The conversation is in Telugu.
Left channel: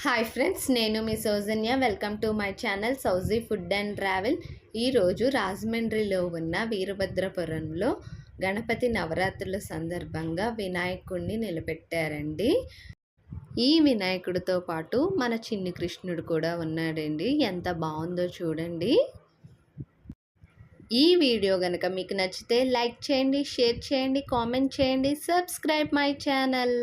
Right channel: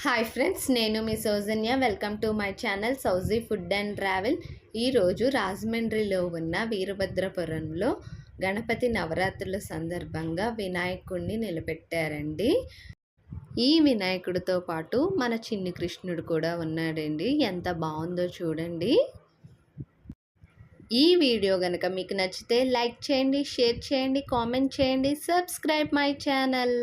హాయ్ ఫ్రెండ్స్ నేను మీ Soujanya. Welcome to my channel Souji food and travel ఈరోజు రాజమండ్రిలో ఉన్న వీరభద్రపురంలో గణపతి నవరాత్రుల సందర్భంగా వినాయకుడిని నిలబెట్టారండి. ఈ వినాయకుడితో పాటు మన చిన్ని కృష్ణుడు కూడా ఉన్నాడండి. ఎంత బాగుందో చూడండి. ఈ వీడియో కనుక మీకు నచ్చితే లైక్ చేయండి షేర్ చేయండి కామెంట్ చేయండి సబ్స్క్రైబ్ మై ఛానల్.